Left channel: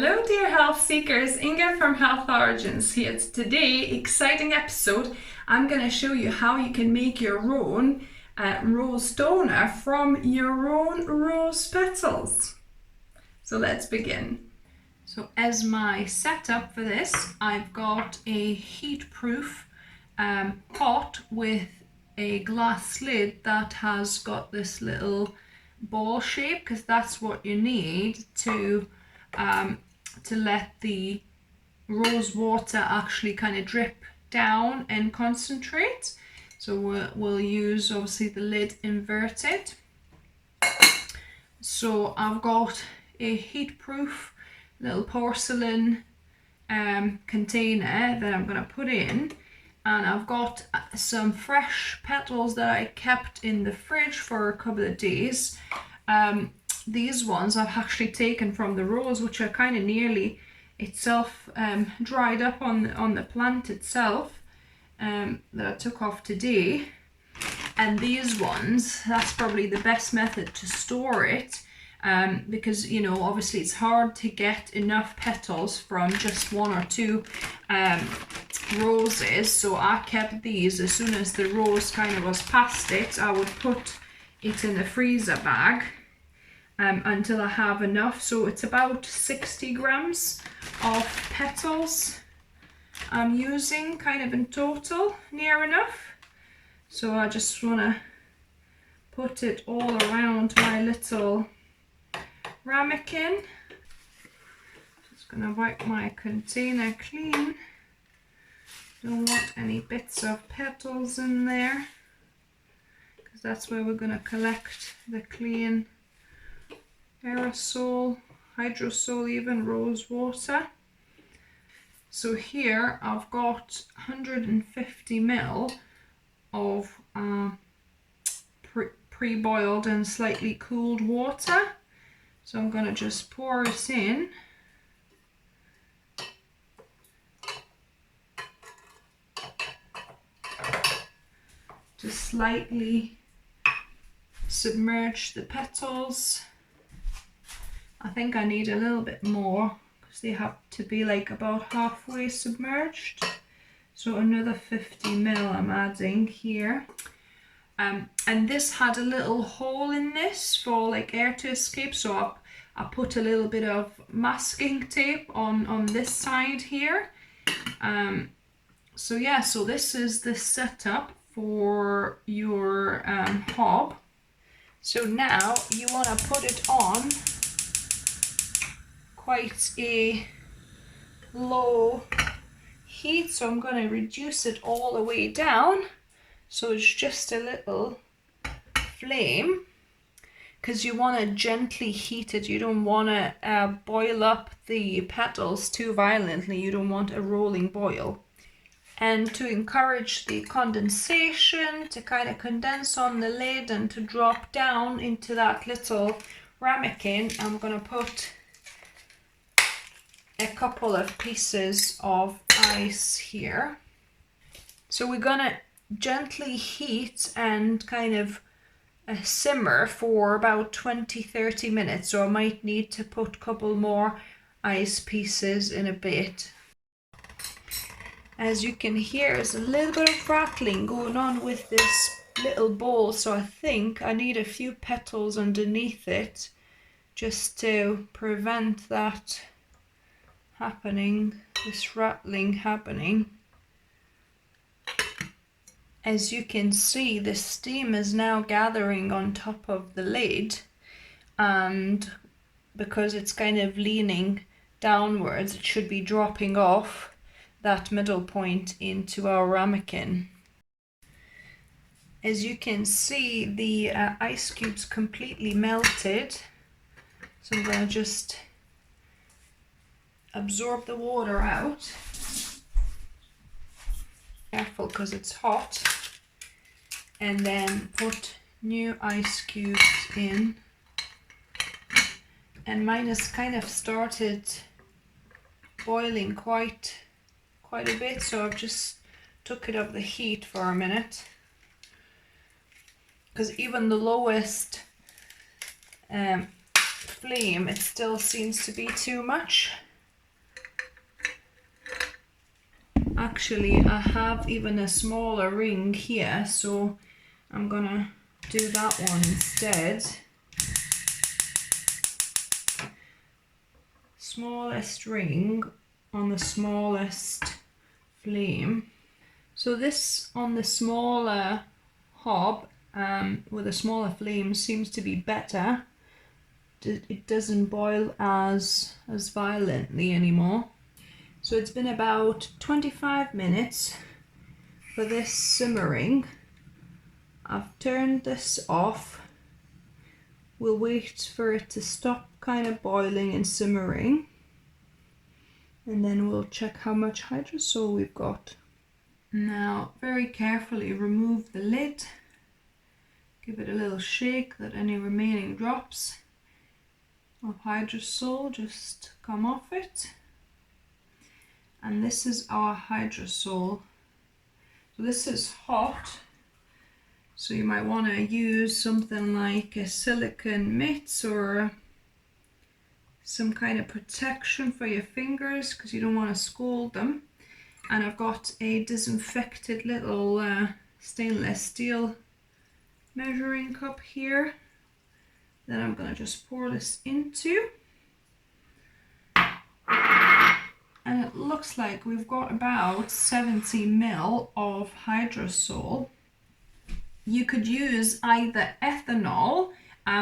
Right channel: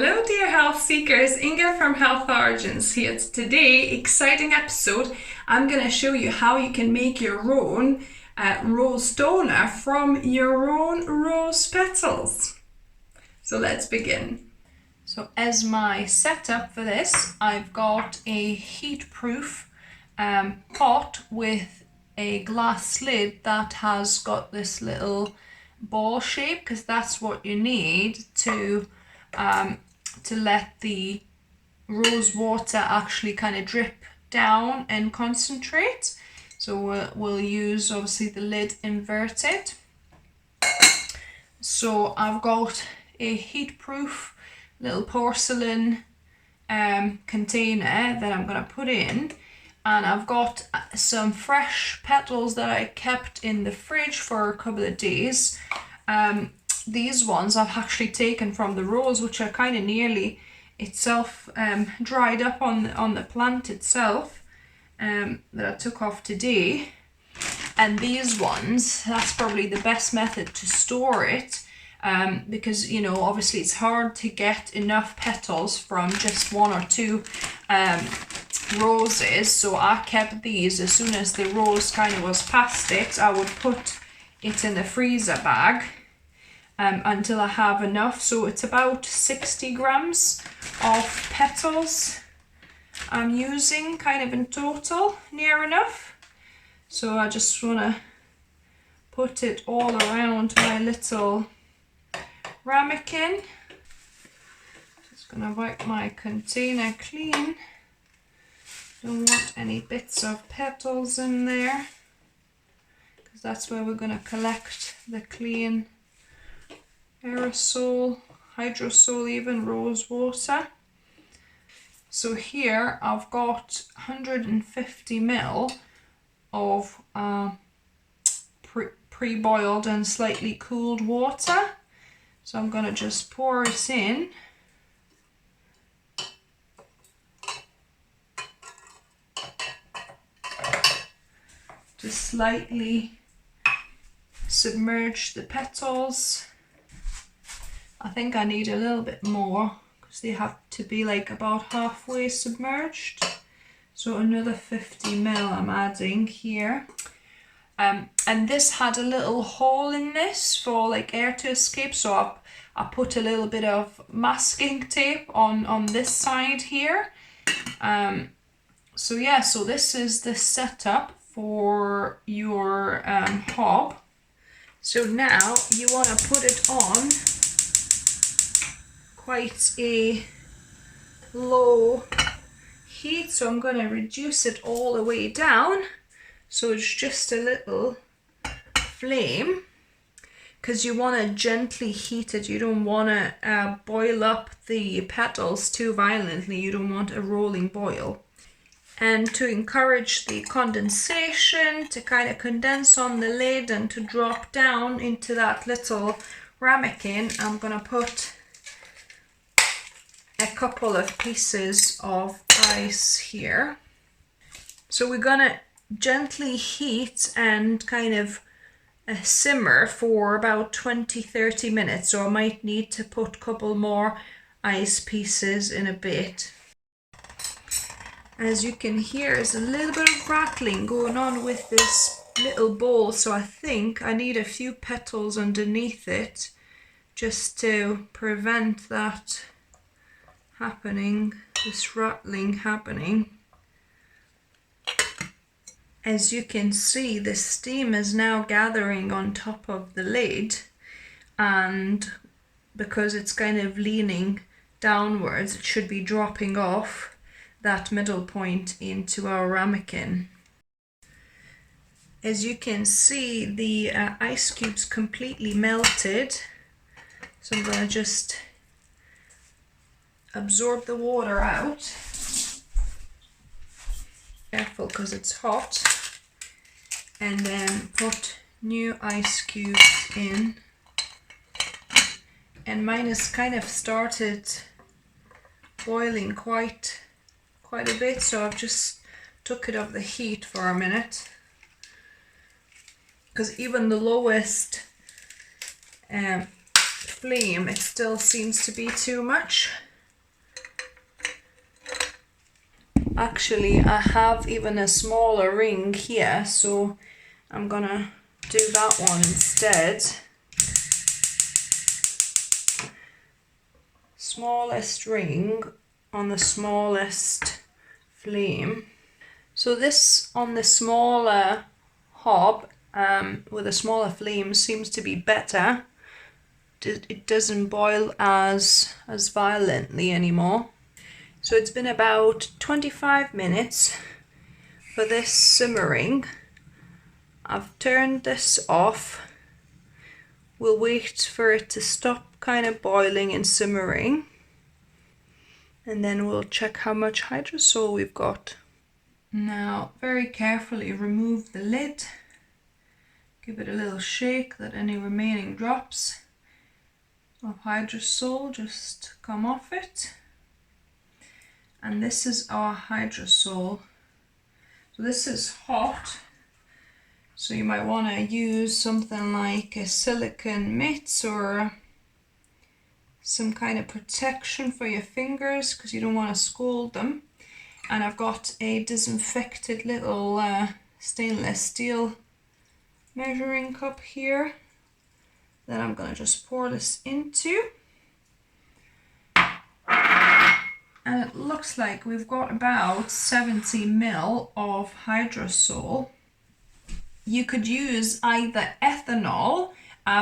Hello dear health seekers, Inga from Health Origins here. Today, exciting episode. I'm going to show you how you can make your own rose toner from your own rose petals. So let's begin. So as my setup for this, I've got a heat-proof pot with a glass lid that has got this little ball shape, because that's what you need to let the rose water actually kind of drip down and concentrate. So we'll use obviously the lid inverted. So I've got a heat-proof little porcelain container that I'm going to put in, and I've got some fresh petals that I kept in the fridge for a couple of days. These ones I've actually taken from the rose, which are kind of nearly itself dried up on the plant itself, that I took off today. And these ones, that's probably the best method to store it, because, you know, obviously it's hard to get enough petals from just one or two roses. So I kept these. As soon as the rose kind of was past it, I would put it in the freezer bag until I have enough. So it's about 60 grams of petals I'm using kind of in total, near enough. So I just want to put it all around my little ramekin. Just going to wipe my container clean. Don't want any bits of petals in there, because that's where we're going to collect the clean aerosol, hydrosol, even rose water. So here I've got 150 ml of pre-boiled and slightly cooled water. So I'm going to just pour it in. To slightly submerge the petals. I think I need a little bit more, because they have to be like about halfway submerged. So another 50 ml I'm adding here. And this had a little hole in this for like air to escape, so I put a little bit of masking tape on this side here. So yeah, so this is the setup for your hob. So now you want to put it on quite a low heat, so I'm going to reduce it all the way down so it's just a little flame, because you want to gently heat it. You don't want to boil up the petals too violently. You don't want a rolling boil. And to encourage the condensation to kind of condense on the lid and to drop down into that little ramekin, I'm going to put a couple of pieces of ice here. So we're going to gently heat and kind of simmer for about 20-30 minutes. So I might need to put a couple more ice pieces in a bit. As you can hear, there's a little bit of rattling going on with this little bowl, so I think I need a few petals underneath it just to prevent that happening, this rattling happening. As you can see, the steam is now gathering on top of the lid, and because it's kind of leaning downwards, it should be dropping off that middle point into our ramekin. As you can see, the ice cubes completely melted, so I'm going to just absorb the water out. Careful, because it's hot. And then put new ice cubes in. And mine has kind of started boiling quite a bit, so I've just took it off the heat for a minute, because even the lowest flame, it still seems to be too much. Actually, I have even a smaller ring here, so I'm gonna do that one instead. Smallest ring on the smallest flame. So this on the smaller hob with a smaller flame seems to be better. It doesn't boil as violently anymore. So it's been about 25 minutes for this simmering. I've turned this off. We'll wait for it to stop kind of boiling and simmering, and then we'll check how much hydrosol we've got. Now very carefully remove the lid, give it a little shake that any remaining drops of hydrosol just come off it. And this is our hydrosol. So this is hot, so you might want to use something like a silicone mitt or some kind of protection for your fingers because you don't want to scald them. And I've got a disinfected little stainless steel measuring cup here that I'm going to just pour this into. And it looks like we've got about 70 ml of hydrosol. You could use either ethanol,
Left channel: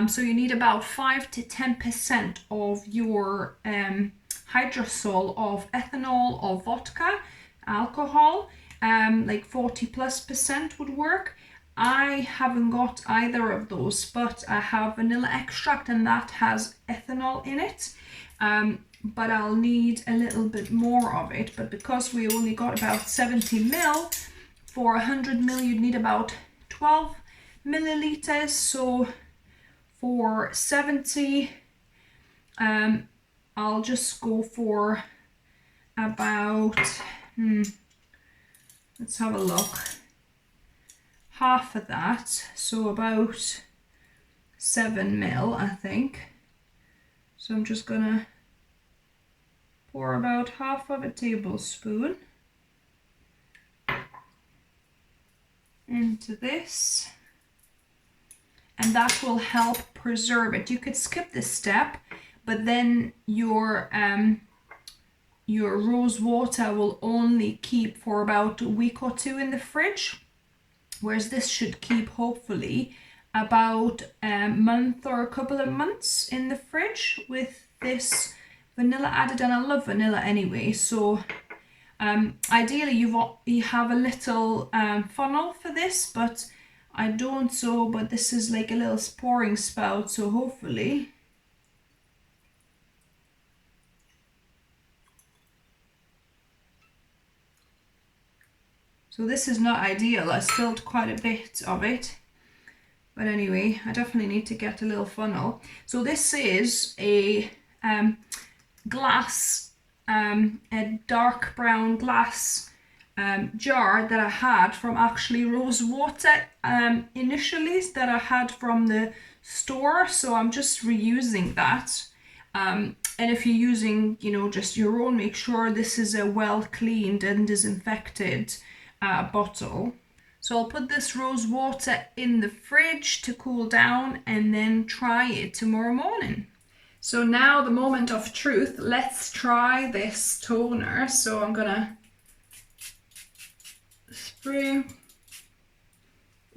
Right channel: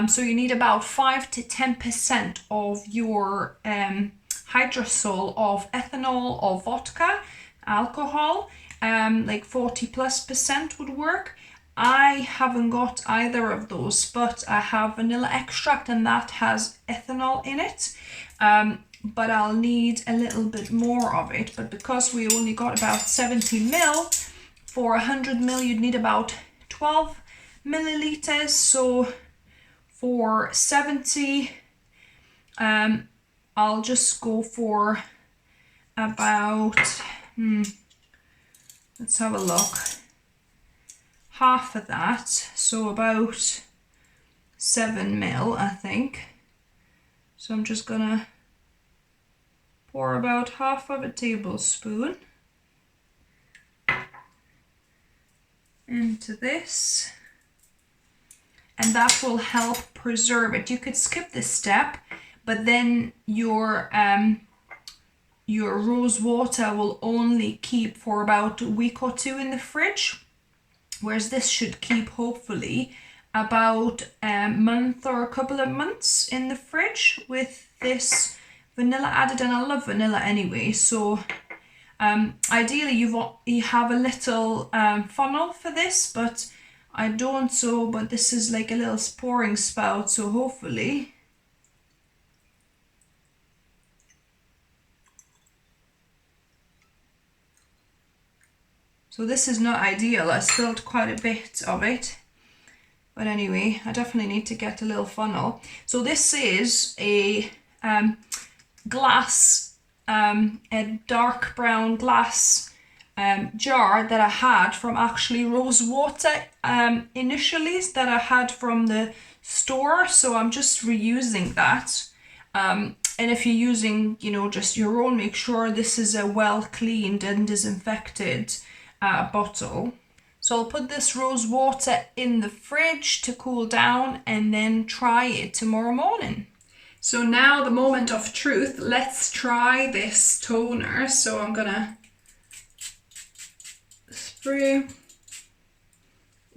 so you need about 5 to 10% of your hydrosol of ethanol or vodka, alcohol, like 40+% would work. I haven't got either of those, but I have vanilla extract and that has ethanol in it. But I'll need a little bit more of it. But because we only got about 70 ml, for 100 ml you'd need about 12 milliliters. So for 70, I'll just go for about, let's have a look, half of that. So about 7 ml, I think. So I'm just gonna pour about half of a tablespoon into this, and that will help preserve it. You could skip this step, but then your rose water will only keep for about a week or two in the fridge, whereas this should keep hopefully about a month or a couple of months in the fridge with this vanilla added. And I love vanilla anyway, so ideally you have a little funnel for this, but I don't. So but this is like a little pouring spout, so hopefully so this is not ideal. I spilled quite a bit of it, but anyway, I definitely need to get a little funnel. So this is a glass, a dark brown glass jar that I had from actually rosewater initially, that I had from the store. So I'm just reusing that. And if you're using, just your own, make sure this is a well cleaned and disinfected bottle. So I'll put this rose water in the fridge to cool down and then try it tomorrow morning. So now the moment of truth, let's try this toner. So I'm gonna spray.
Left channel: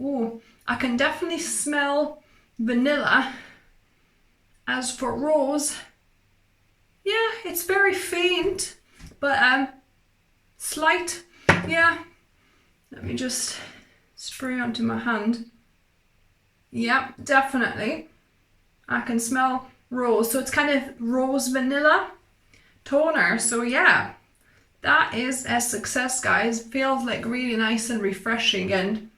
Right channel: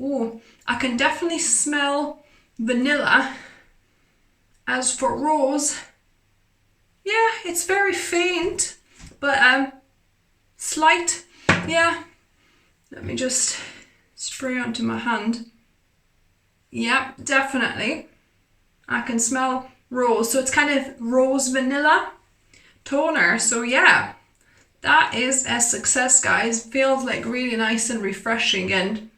Oh, I can definitely smell vanilla. As for rose, yeah, it's very faint, but slight, yeah. Let me just spray onto my hand. Yeah, definitely. I can smell rose, so it's kind of rose vanilla toner. So yeah, that is a success, guys. Feels like really nice and refreshing, and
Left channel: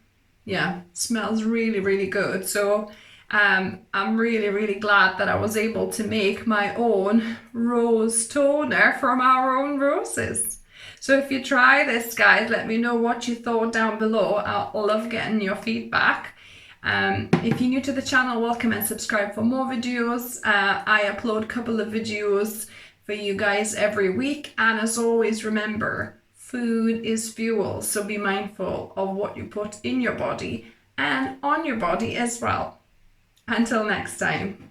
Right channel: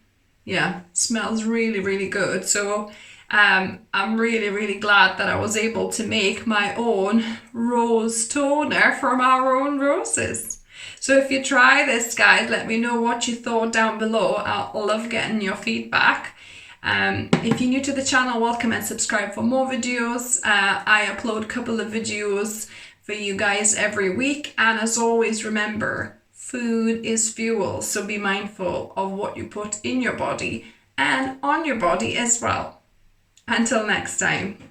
yeah, smells really, really good. So I'm really, really glad that I was able to make my own rose toner from our own roses. So if you try this, guys, let me know what you thought down below. I'll love getting your feedback. If you're new to the channel, welcome and subscribe for more videos. I upload a couple of videos for you guys every week. And as always, remember, food is fuel, so be mindful of what you put in your body and on your body as well. Until next time.